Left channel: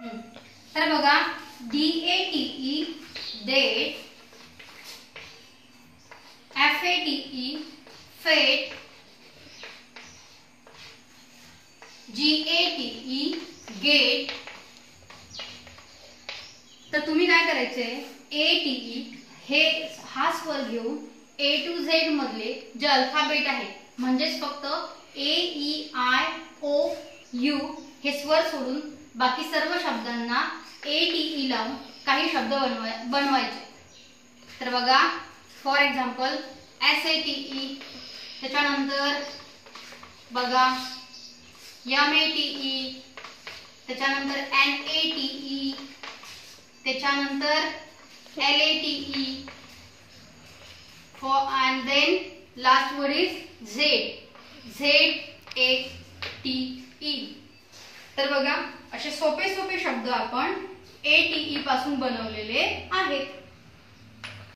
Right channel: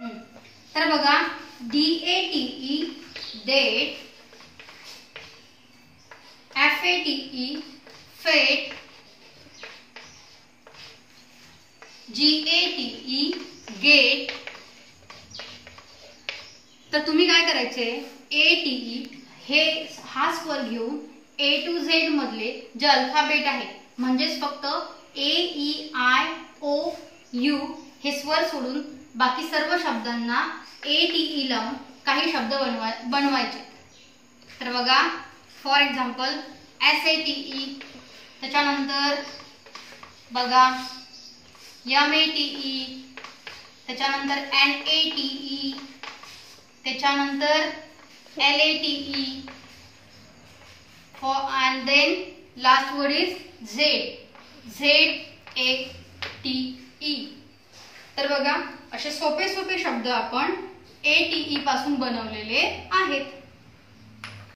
तर बघा DATE date, FATE फेट, GATE गेट. तर तुम्ही काय करायचे, ATE हा स्वर घेऊन A to Z मधले जे अल्फाबेट आहेत म्हणजेच फक्त AEIOU हे स्वर सोडून बाकी सर्व शब्दांना ATE लावून काही शब्द बनवायचे. तर बघा फॉर एक्झाम्पल SATE, त्याच्यानंतर बघा MATE, त्याच्यानंतर NATE, त्याच्यानंतर LATE and then last word is ZATE. तर बघा असे सोपे सोपे शब्द आपण ATE पासून बनवलेले आहेत.